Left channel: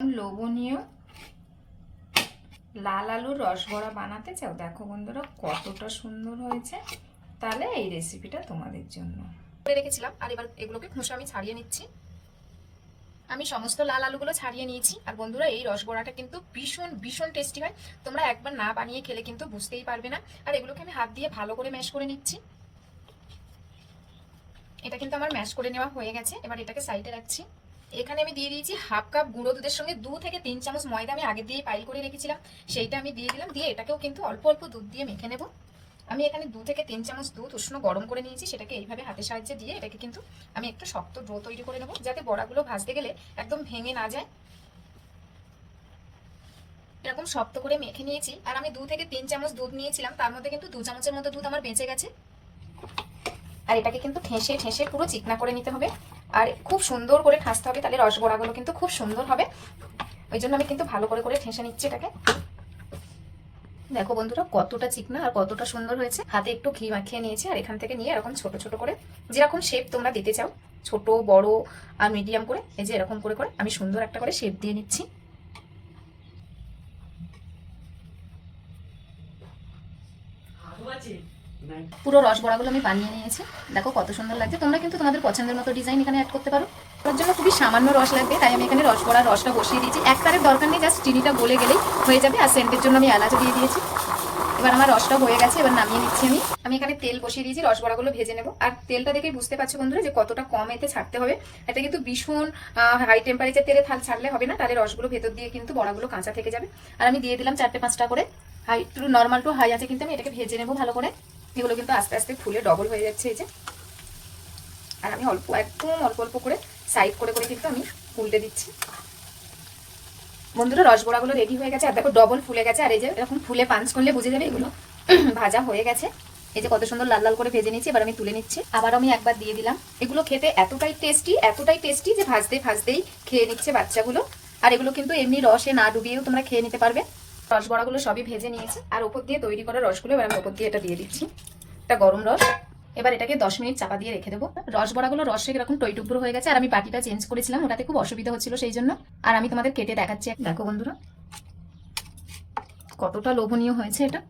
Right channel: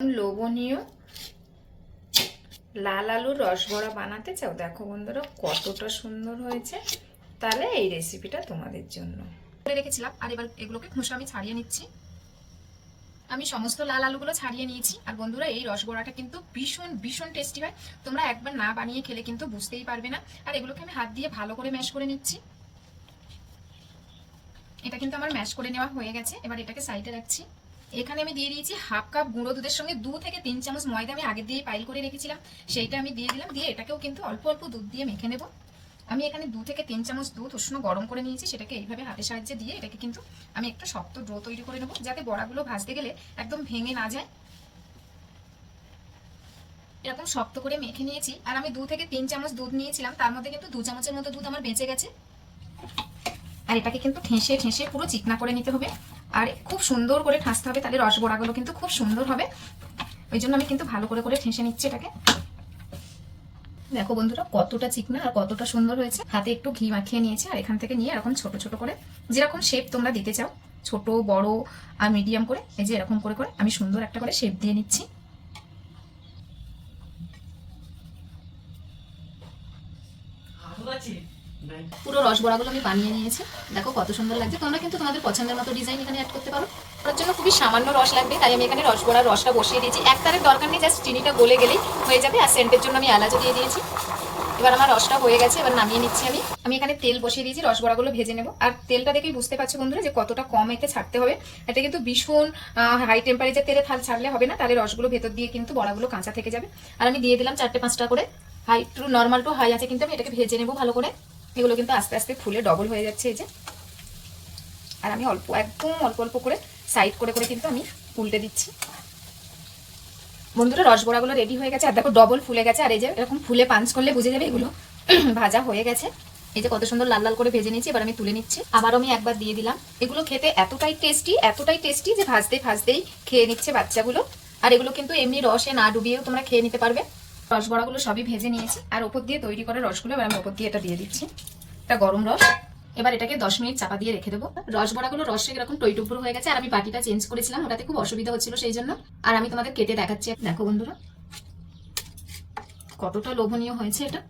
লোভনীয় লাল আলুর রসবড়া বানাতে চাও? দেখো বন্ধুরা কতটা সুন্দর হয়েছে। তাহলে এই রেসিপিটা তোমাদের জন্য রেখেছিলাম। আর এবার এগুলোকে খোসা আমি ছাড়িয়ে নিচ্ছি। আমি সমস্ত লাল আলুগুলো ছাড়িয়ে নিয়েছি। আর বন্ধুরা এই রসবড়াটা কিন্তু ভীষণ ভীষণ টেস্টি হয়। তোমরা একবার না বানিয়ে খেলে কিন্তু বুঝতেই পারবে না। আর এগুলোকে আমি হাত দিয়ে ভালো করে ম্যাশ করে নিচ্ছি। এটা কিন্তু আমার ম্যাশ করে নেওয়া হয়ে গেছে। এবার এটাকে সাইডে রাখছি। এখানে আমি দিয়ে দিয়েছি হাফ কাপ গুঁড়ো দুধের সঙ্গে 2 থেকে 3 চামচ ময়দা আমি আগে দিয়ে পাইল করে রেখেছিলাম, সেইটা আমি দিয়ে দিলাম। দিয়ে এটাকেও কিন্তু অল্প অল্প দুধ দিয়ে মেখে নেব। আমি এখানে 2 থেকে 3 চামচ দুধ উষ্ণ গরম করে নিয়েছি, সেটাকে এইভাবে হাতের সাহায্যে দিয়ে এটাকে কিন্তু আমি একটা শক্ত ডো তৈরি করে নেব, যাতে বড়াগুলো ভাজতে গেলে একদম ভেঙে না যায়। এরকম শক্ত করে মেখে নিয়েছি। আর আমি 2 থেকে 3 চামচ দুধ নিয়েছিলাম, তার মধ্যে কিন্তু 2 চামচের মতো দুধ আমার বেঁচে গেছে। আর এটাকে কিন্তু ঠেসে ঠেসে পুরো চিকনা করে নিতে হবে। আর খুব সুন্দর করে ঠাসতে হবে, তাহলে রসবড়াগুলো কিন্তু খুব সুন্দর হবে। ওই জন্য আমি কিন্তু ভালো করে করে ঠেসে নিচ্ছি এটাকে। দেখো বন্ধুরা কতটা চিকনা আর কতটা সুন্দর হয়েছে। হাতে একটু ঘি মাখিয়ে নিয়েছি। আর এখান থেকে নিয়ে এরকম ছোট ছোট করে যেরকম শেপ তোমরা দিতে চাও, ছোট বড় আর মিডিয়াম করে, এই যে এরকম করে করে আমি সুন্দর একটা করে শেপ দিয়ে নিচ্ছি। পুরো রসবড়াগুলো আমি বানিয়ে নিয়েছি। দেখো কত সুন্দর লাগছে। তোমরা কিন্তু তোমাদের পছন্দের মতো ডিজাইন এখানে অ্যাড করতে পারো। তার জন্য খুবই সামান্য রস লাগবে, তাই আমি এখানে রসবড়ার রসটা বসিয়ে দিয়েছি। এক তারের দরকার নেই, জাস্ট চিনিটা গলে গেলেই হয়ে যাবে। আর সেন্টের জন্য আমি এলাচও দিয়ে দিয়েছি। এবার আমার রসটা হয়ে গেছে, এবার নামিয়ে নিচ্ছি। আমি এখানে তেল বসিয়ে দিয়েছি, রসবড়াগুলো ভেজে নেব। আর তেলটা দেখেই বুঝতে পারছো বন্ধুরা যে কতটা কম এতে ছাড়তে হবে। এটা কিন্তু ভীষণ হাই টেম্পারেচার তেলে ছাড়লে হবে না, তাহলে রসগুলো ভেতর দিয়ে কিন্তু বড়াগুলো কাঁচা থেকে যাবে। আর আমি দিয়ে দিলাম 4-5টা করে high to normal to high আছে, কিন্তু আমি এটাকে ভেজে নেবো ভালো করে। এগুলো কিন্তু আস্তে আস্তে ফুলে ডবল হয়ে যাচ্ছে, এই যে। আর আমি একদম অল্প অল্প করে সাইড করে করে কিন্তু আমি উল্টে দিচ্ছি। বন্ধুরা রসবড়াগুলো রেডি হয়ে গেছে। আর দেখো ডবল ফুলে গেছে। আর এই যে এরকম ফুলে পাঞ্চ করলে বুঝে যাবে এগুলো ভাজা হয়ে গেছে। এই যে কত সুন্দর লাল লাল করে ভেজে নিয়েছি। এবার আমি তুলে নিচ্ছি। আবার আমি একবার দিয়ে দিলাম। এগুলো খেতে এতটাই টেস্টি যে ভাজতে ভাজতেই খেয়ে নিচ্ছে বাচ্চাগুলো। আর এগুলো কিন্তু এমনি রসে না ডুবিয়েও তোমরা খেয়ে নিতে পারবে। রসবড়াগুলো সবই ভেজে নিয়েছি। আর ওপর দিয়ে তৈরি করা রসগুলো এবার আমি ওপর দিয়ে এটা দিয়ে দিচ্ছি। এটা গরম রস। এবার এটাকে 10 মিনিট চাপা দিয়ে রেখে দেবো। রসবড়াগুলো রসে এরকম টইটুকরো হয়ে গেছে। আর আমি বাটিটা চেঞ্জ করেছিলাম, ওটাতে খুব অসুবিধা হচ্ছিল সেই জন্য। আর আমি তোমাদের কেটে দেখাচ্ছি। দেখো বন্ধুরা কতটা লোভনীয় হয়েছে এটা।